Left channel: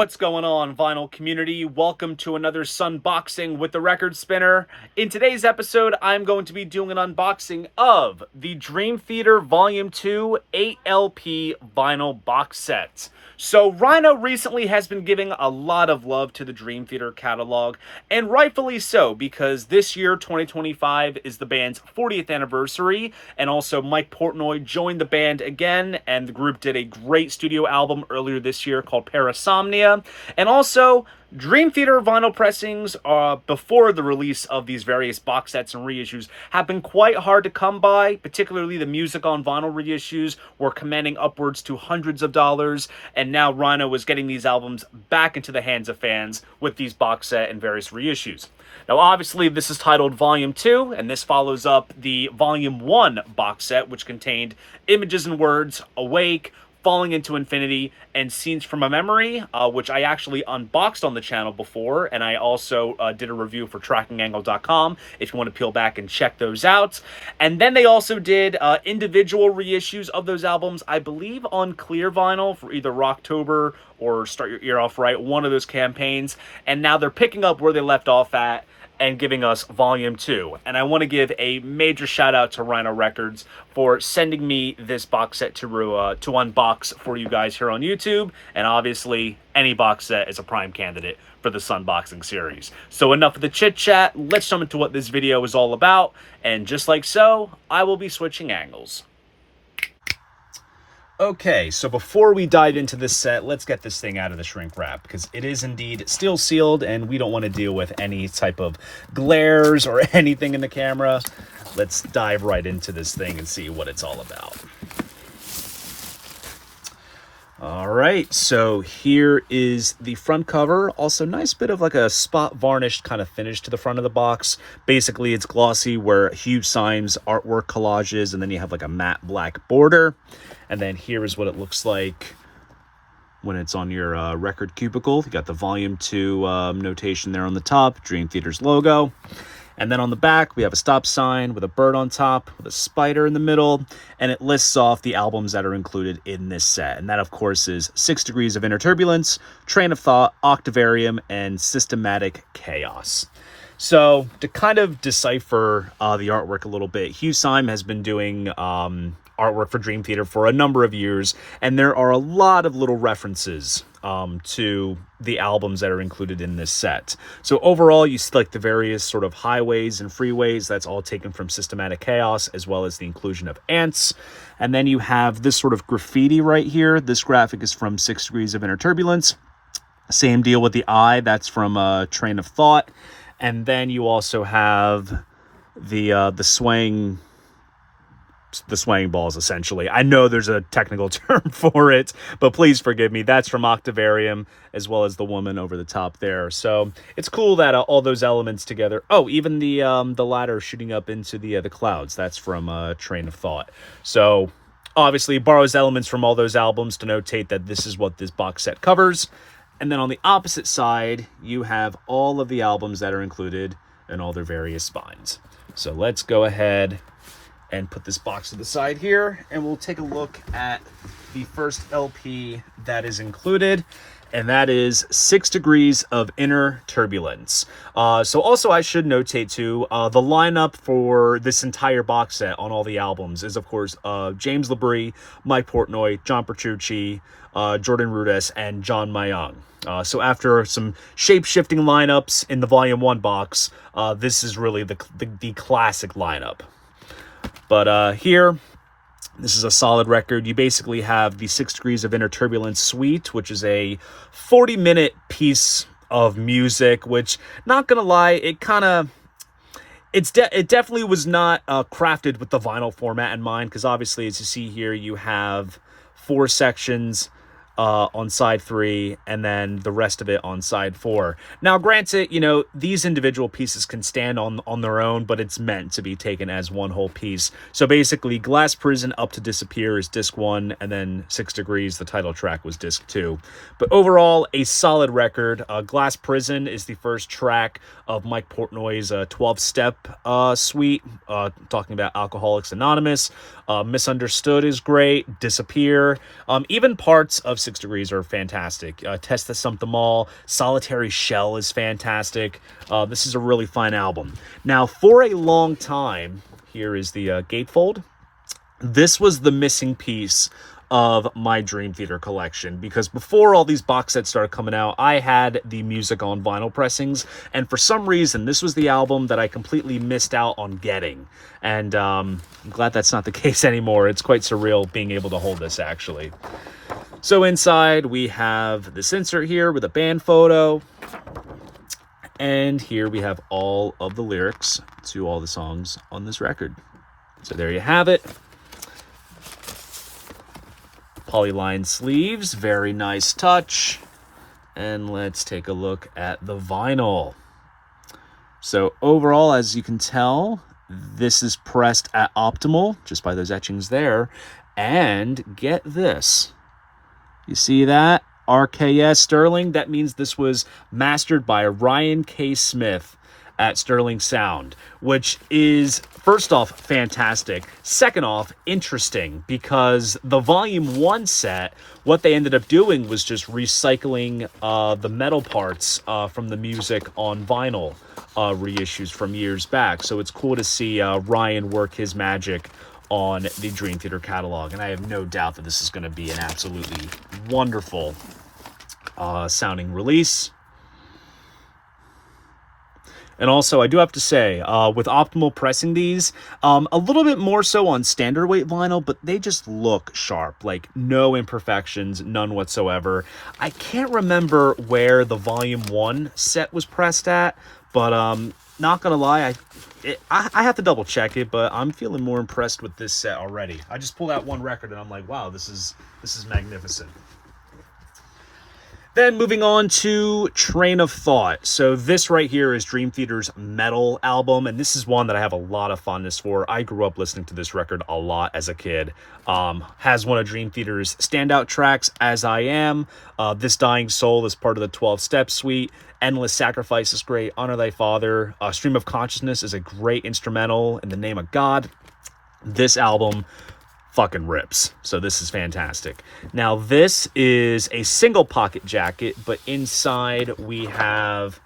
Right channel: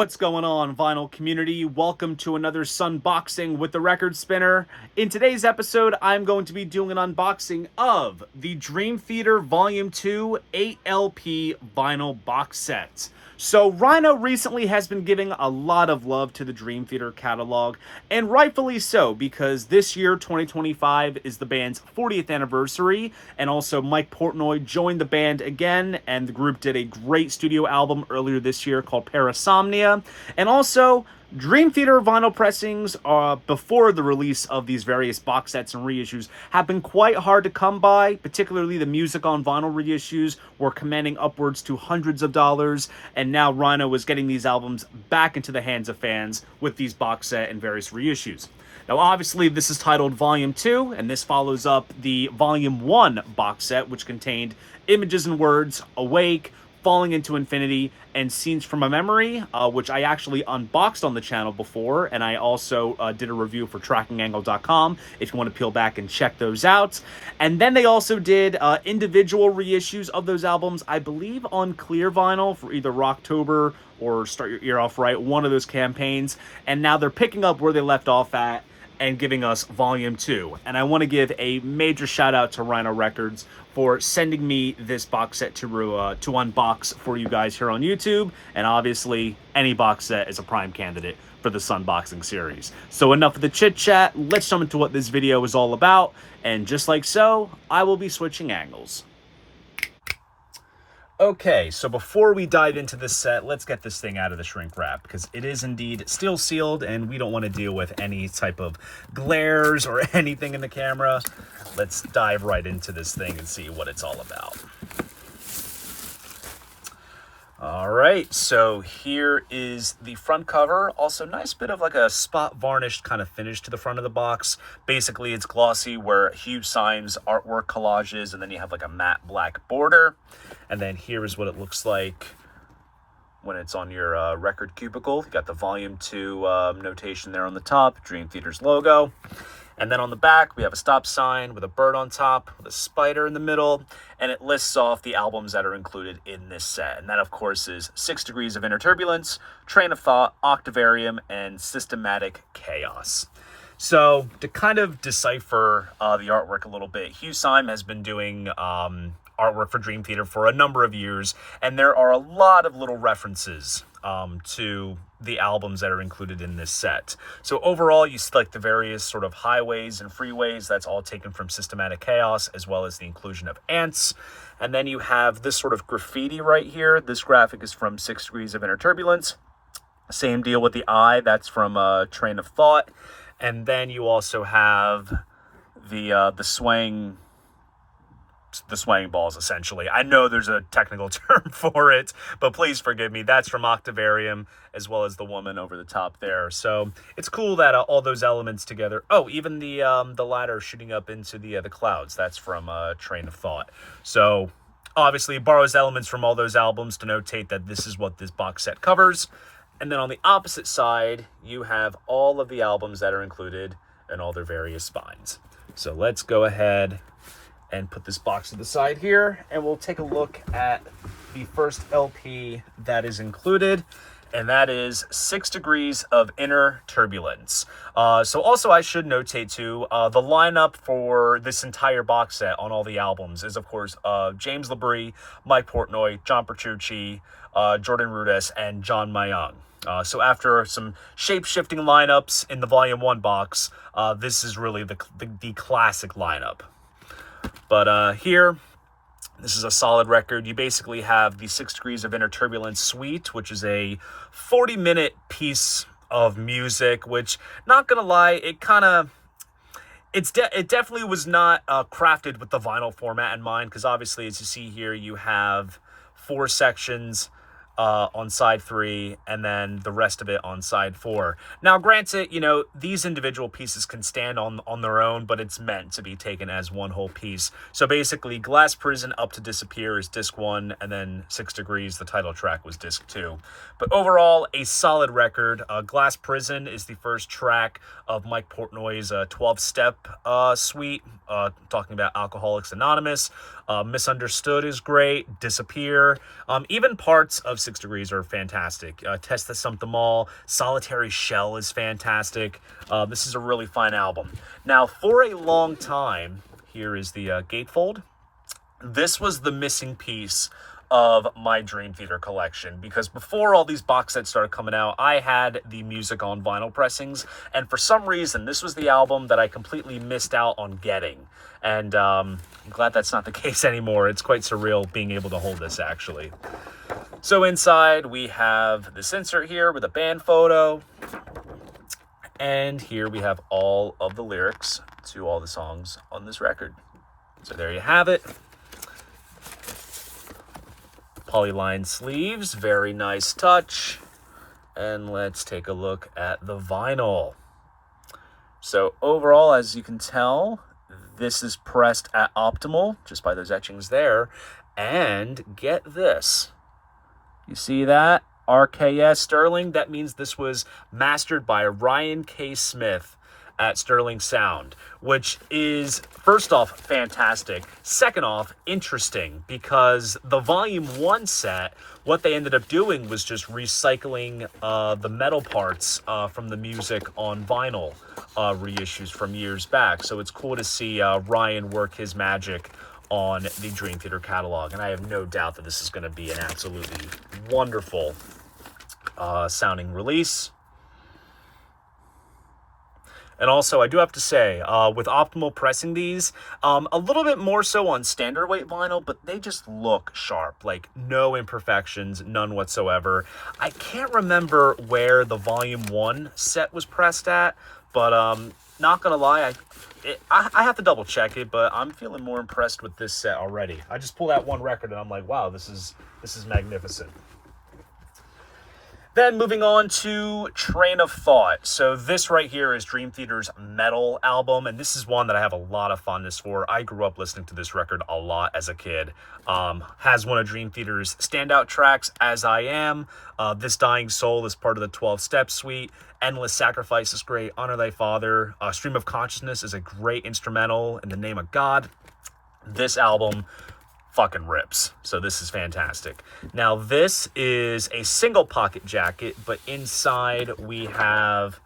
What's going on, vinyl community? Welcome to another Sunboxing with the Record Spinner. In today's episode, I'm going to be doing an unboxing of the Dream Theater Volume 2 8LP vinyl box set. So Rhino recently has been giving a lot of love to the Dream Theater catalog, and rightfully so, because this year, 2025, is the band's 40th anniversary, and also Mike Portnoy joined the band again, and the group did a great studio album earlier this year called Parasomnia, and also Dream Theater vinyl pressings before the release of these various box sets and reissues have been quite hard to come by, particularly the music on vinyl reissues were commanding upwards to hundreds of dollars, and now Rhino is getting these albums back into the hands of fans with these box set and various reissues. Now obviously this is titled Volume 2, and this follows up the Volume 1 box set, which contained Images and Words, Awake, Falling into Infinity, and Scenes from a Memory, which I actually unboxed on the channel before, and I also did a review for trackingangle.com if you want to peel back and check those out. And then they also did individual reissues of those albums, I believe on clear vinyl for either Rocktober or Start Your Ear Off Right, one of those campaigns, and now they're picking up where they left off at and giving us Volume 2. And I want to give a major shout out to Rhino Records for sending me this box set to unbox for you guys here on YouTube. And obviously, any box set is a prime candidate for the Sunboxing series. So enough of the chit chat, let's jump into what this video is all about. And just like so, I will be switching angles. Okay, so before we dive into this set, let's get this thing out of the shrink wrap, because it is indeed still sealed, and we don't want to deal with any type of glares or anything in the camera. Let's dive right into this thing and see what it's all about. All right, so here is the front cover. Also, nice bit of like a spot varnished kind of finish to the front of the box. Basically, it's glossy where huge signs, artwork collages, and then you have like a matte black border. And then here is what it looks like when it's on your record cubicle. You got the Volume 2 notation there on the top, Dream Theater's logo. And then on the back, we have a stop sign with a bird on top, with a spider in the middle, and it lists off the albums that are included in this set. And that, of course, is 6 Degrees of Inner Turbulence, Train of Thought, Octavarium, and Systematic Chaos. So, to kind of decipher the artwork a little bit, Hugh Syme has been doing artwork for Dream Theater for a number of years, and there are a lot of little references to the albums that are included in this set. So overall, you see like the various sort of highways and freeways. That's all taken from Systematic Chaos, as well as the inclusion of ants. And then you have this sort of graffiti right here. This graphic is from 6 Degrees of Inner Turbulence. Same deal with the eye. That's from Train of Thought. And then you also have the swaying balls, essentially. I know there's a technical term for it, but please forgive me. That's from Octavarium, as well as the woman over the top there. So it's cool that all those elements together. Oh, even the ladder shooting up into the clouds. That's from Train of Thought. So obviously borrows elements from all those albums to notate that this is what this box set covers. And then on the opposite side, you have all of the albums that are included and all their various spines. So let's go ahead and put this box to the side here, and we'll take a look at the first LP that is included, and that is 6 Degrees of Inner Turbulence. So also I should notate too, the lineup for this entire box set on all the albums is, of course, James LaBrie, Mike Portnoy, John Petrucci, Jordan Rudess, and John Mayung. So after some shape-shifting lineups in the Volume 1 box, this is really the classic lineup. But here, this is a solid record. You basically have the 6 Degrees of Inner Turbulence suite, which is a 40-minute piece of music, which, not gonna lie, it definitely was not crafted with the vinyl format in mind, because obviously, as you see here, you have 4 sections on side 3, and then the rest of it on side 4. Now, granted, you know, these individual pieces can stand on their own, but it's meant to be taken as one whole piece. So basically, Glass Prison Up to Disappear is disc 1, and then 6 Degrees, the title track, was disc 2. But overall, a solid record. Glass Prison is the first track of Mike Portnoy's 12-step suite, talking about Alcoholics Anonymous. Misunderstood is great. Disappear. Even parts of 6 Degrees are fantastic. Test the Sump Them All, Solitary Shell is fantastic. This is a really fine album. Now, for a long time, here is the gatefold. This was the missing piece of my Dream Theater collection, because before all these box sets started coming out, I had the music on vinyl pressings, and for some reason this was the album that I completely missed out on getting, and I'm glad that's not the case anymore. It's quite surreal being able to hold this, actually. So inside we have this insert here with a band photo, and here we have all of the lyrics to all the songs on this record. So there you have it. Polyline sleeves, very nice touch. And let's take a look at the vinyl. So overall, as you can tell, this is pressed at optimal, just by those etchings there. And get this. You see that? RKS Sterling. That means this was mastered by Ryan K. Smith at Sterling Sound, which is, first off, fantastic. Second off, interesting, because the Volume 1 set, what they ended up doing was just recycling the metal parts from the music on vinyl reissues from years back. So it's cool to see Ryan work his magic on the Dream Theater catalog, and I have no doubt that this is going to be an absolutely wonderful sounding release. And also, I do have to say, with optimal pressing these, a little bit more so on standard weight vinyl, but they just look sharp. Like, no imperfections, none whatsoever. I can't remember where the Volume 1 set was pressed at, but not gonna lie, I have to double check it, but I'm feeling more impressed with this set already. I just pulled out one record and I'm like, wow, this is magnificent. Then moving on to Train of Thought. So this right here is Dream Theater's metal album, and this is one that I have a lot of fondness for. I grew up listening to this record a lot as a kid. Has one of Dream Theater's standout tracks, As I Am. This Dying Soul is part of the 12-step suite. Endless Sacrifice is great. Honor Thy Father. Stream of Consciousness is a great instrumental, In the Name of God. This album fucking rips. So this is fantastic. Now this is a single pocket jacket, but inside we have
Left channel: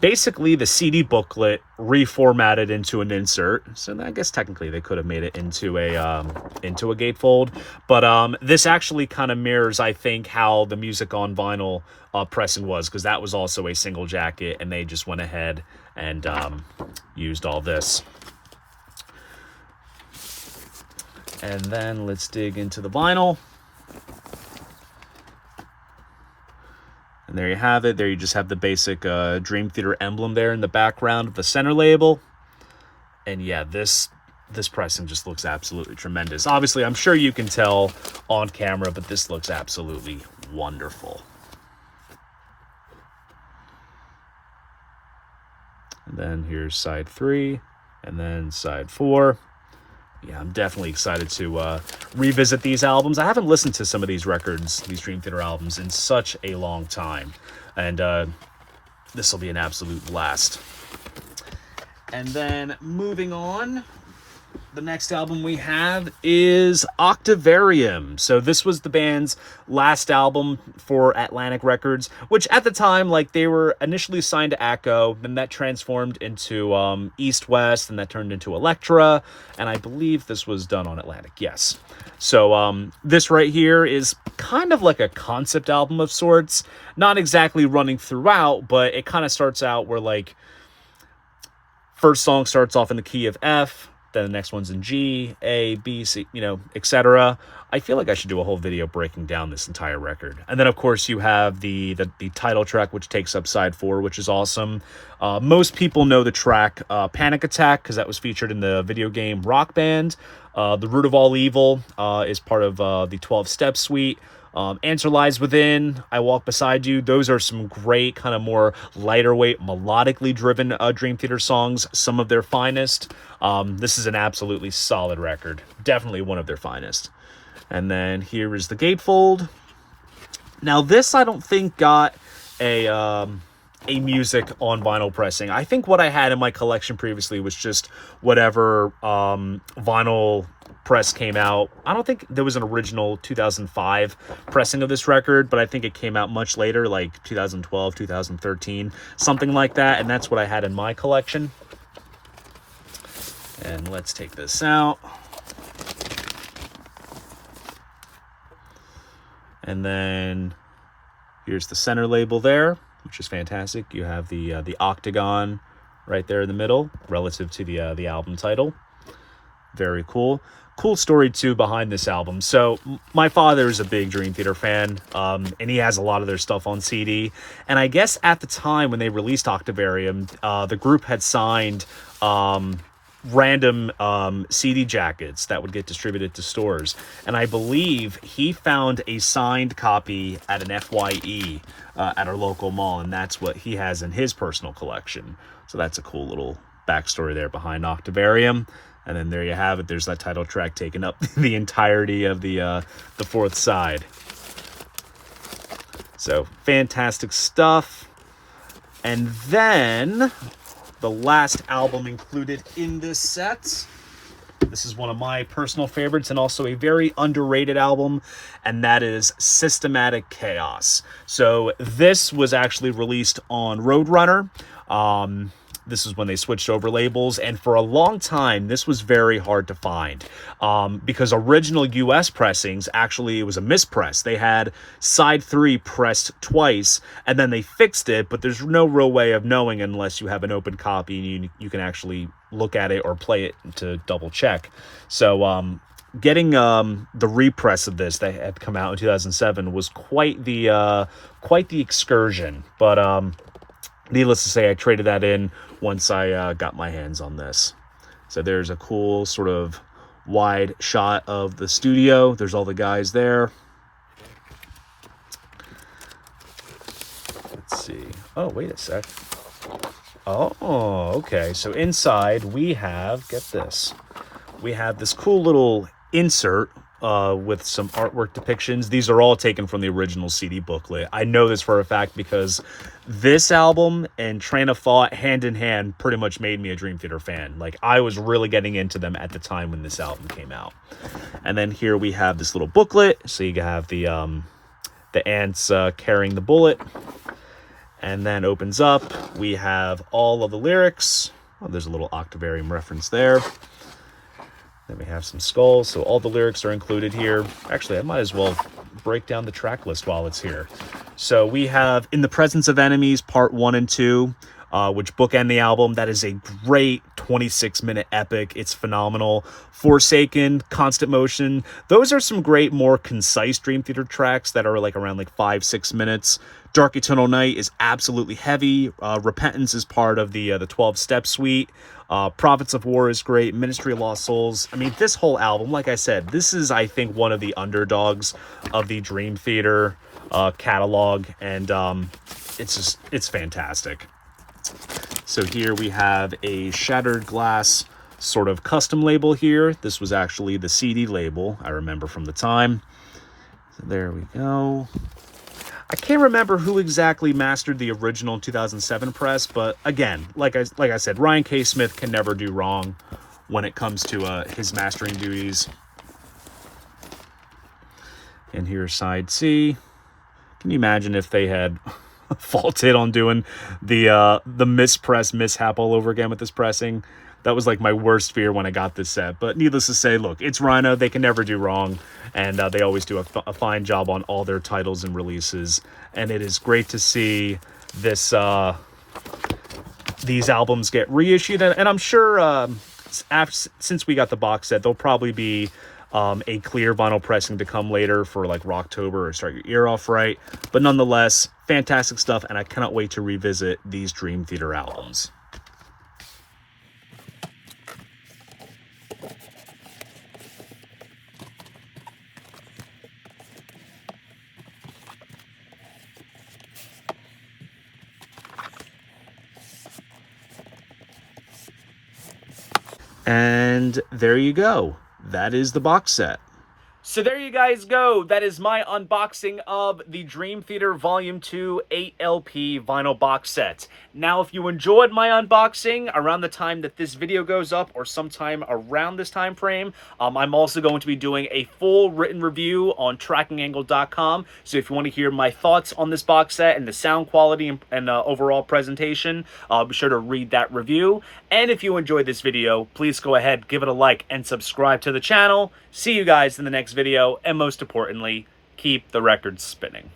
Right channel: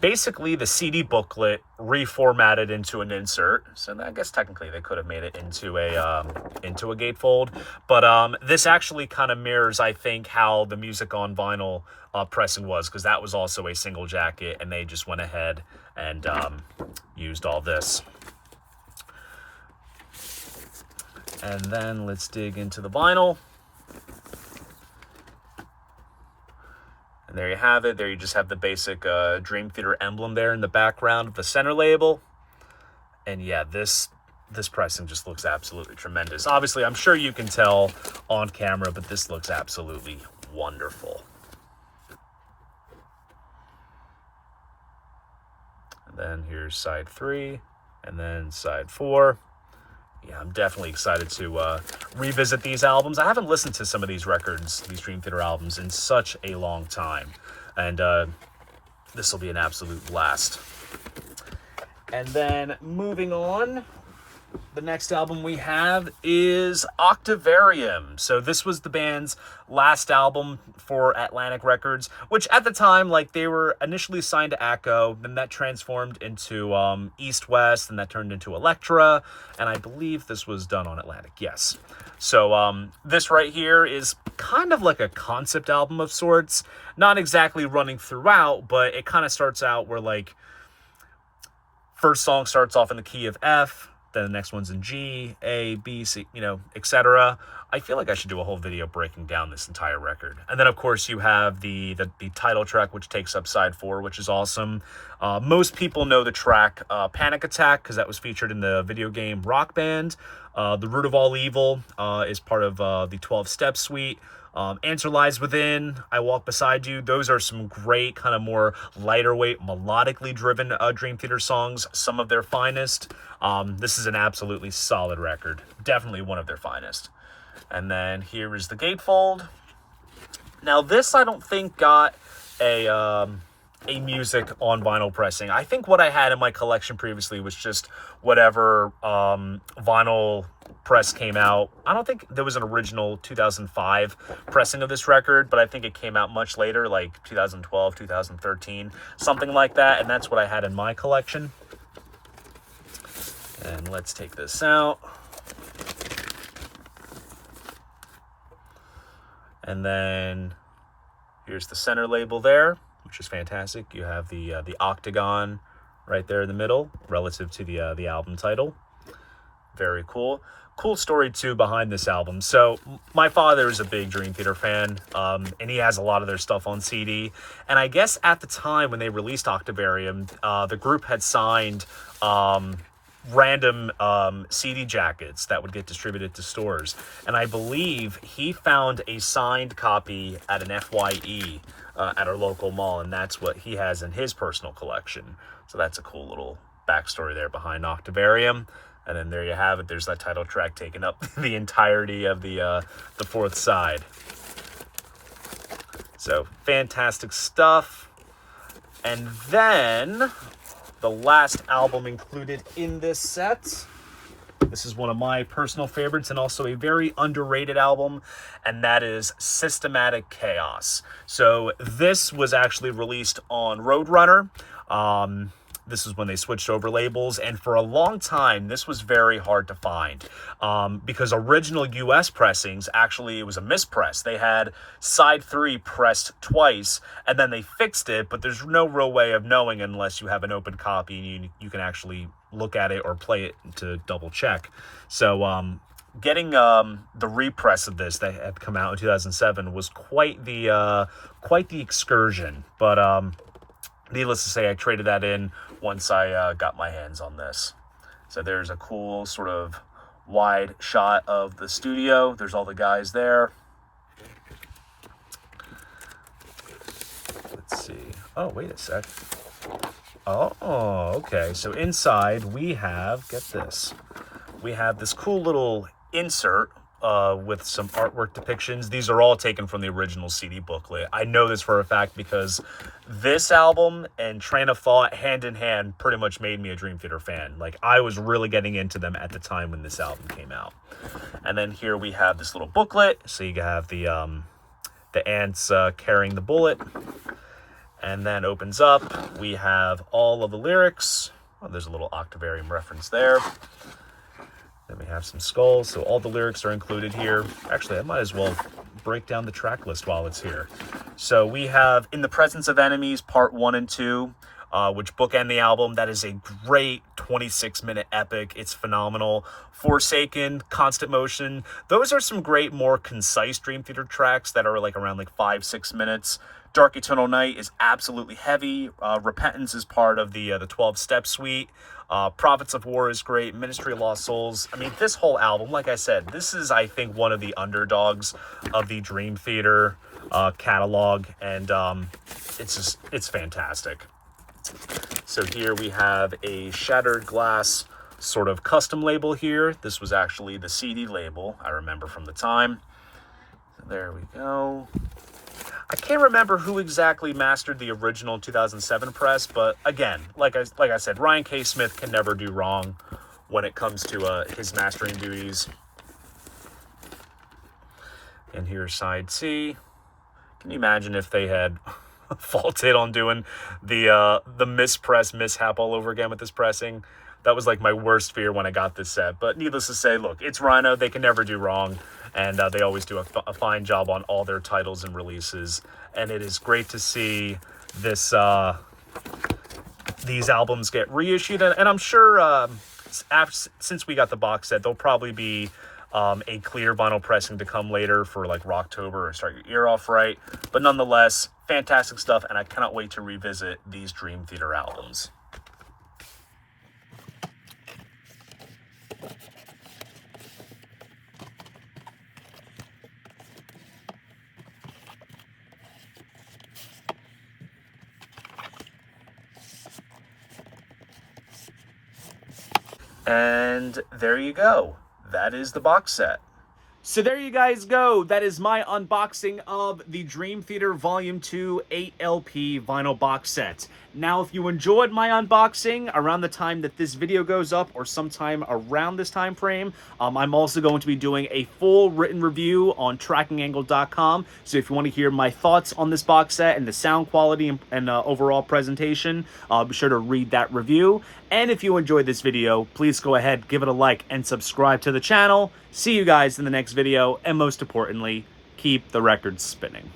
basically the CD booklet reformatted into an insert. So I guess technically they could have made it into a gatefold, but this actually kind of mirrors, I think, how the music on vinyl pressing was, because that was also a single jacket, and they just went ahead and used all this. And then let's dig into the vinyl. And there you have it. There you just have the basic Dream Theater emblem there in the background of the center label. And yeah, this pressing just looks absolutely tremendous. Obviously, I'm sure you can tell on camera, but this looks absolutely wonderful. And then here's side 3, and then side 4. Yeah, I'm definitely excited to revisit these albums. I haven't listened to some of these records, these Dream Theater albums, in such a long time. And this will be an absolute blast. And then moving on, the next album we have is Octavarium. So this was the band's last album for Atlantic Records, which at the time, like, they were initially signed to Acco, then that transformed into East West, and that turned into Elektra, and I believe this was done on Atlantic, yes. So this right here is kind of like a concept album of sorts, not exactly running throughout, but it kind of starts out where, like, first song starts off in the key of F, then the next one's in G, A, B, C, you know, etc. I feel like I should do a whole video breaking down this entire record. And then, of course, you have the title track, which takes up side 4, which is awesome. Most people know the track Panic Attack, because that was featured in the video game Rock Band. The Root of All Evil is part of the 12-step suite. Answer Lies Within, I Walk Beside You. Those are some great, kind of more lighter weight, melodically driven Dream Theater songs, some of their finest. This is an absolutely solid record. Definitely one of their finest. And then here is the gatefold. Now this, I don't think, got a a music on vinyl pressing. I think what I had in my collection previously was just whatever vinyl press came out. I don't think there was an original 2005 pressing of this record, but I think it came out much later, like 2012, 2013, something like that, and that's what I had in my collection. And let's take this out. And then here's the center label there, which is fantastic. You have the octagon right there in the middle relative to the album title. Very cool. Cool story too behind this album. So my father is a big Dream Theater fan, and he has a lot of their stuff on CD. And I guess at the time when they released Octavarium, the group had signed random CD jackets that would get distributed to stores, and I believe he found a signed copy at an FYE at our local mall, and that's what he has in his personal collection. So that's a cool little backstory there behind Octavarium. And then there you have it. There's that title track taking up the entirety of the fourth side. So fantastic stuff. And then the last album included in this set. This is one of my personal favorites and also a very underrated album, and that is Systematic Chaos. So this was actually released on Roadrunner. This is when they switched over labels, and for a long time, this was very hard to find because original US pressings, actually, it was a mispress. They had side 3 pressed twice, and then they fixed it, but there's no real way of knowing unless you have an open copy and you can actually look at it or play it to double check. So getting the repress of this that had come out in 2007 was quite the excursion, but needless to say, I traded that in once I got my hands on this. So there's a cool sort of wide shot of the studio. There's all the guys there. Let's see. Oh, wait a sec. Oh, okay. So inside we have, get this, we have this cool little insert with some artwork depictions. These are all taken from the original CD booklet. I know this for a fact because this album and Train of Thought hand in hand pretty much made me a Dream Theater fan. Like, I was really getting into them at the time when this album came out. And then here we have this little booklet. So you have the ants carrying the bullet. And then opens up. We have all of the lyrics. Oh, there's a little Octavarium reference there. Then we have some skulls, so all the lyrics are included here. Actually, I might as well break down the track list while it's here. So we have In the Presence of Enemies, Part 1 and 2, which bookend the album. That is a great 26-minute epic. It's phenomenal. Forsaken, Constant Motion. Those are some great, more concise Dream Theater tracks that are like around like 5-6 minutes. Dark Eternal Night is absolutely heavy. Repentance is part of the 12-step suite. Prophets of War is great. Ministry of Lost Souls. I mean, this whole album, like I said, this is, I think, one of the underdogs of the Dream Theater catalog, and it's fantastic. So here we have a Shattered Glass sort of custom label here. This was actually the CD label, I remember from the time. So there we go. I can't remember who exactly mastered the original 2007 press, but again, like I said, Ryan K. Smith can never do wrong when it comes to his mastering duties. And here's side C. Can you imagine if they had faulted on doing the mispress mishap all over again with this pressing? That was like my worst fear when I got this set. But needless to say, look, it's Rhino. They can never do wrong. And they always do a fine job on all their titles and releases. And it is great to see this these albums get reissued. And I'm sure since we got the box set, there'll probably be a clear vinyl pressing to come later for like Rocktober or Start Your Ear Off Right. But nonetheless, fantastic stuff. And I cannot wait to revisit these Dream Theater albums. And there you go. That is the box set. So there you guys go. That is my unboxing of the Dream Theater Volume 2 8LP vinyl box set. Now, if you enjoyed my unboxing around the time that this video goes up or sometime around this time frame, I'm also going to be doing a full written review on trackingangle.com. So if you want to hear my thoughts on this box set and the sound quality and overall presentation, be sure to read that review. And if you enjoyed this video, please go ahead, give it a like, and subscribe to the channel. See you guys in the next video, and most importantly, keep the records spinning.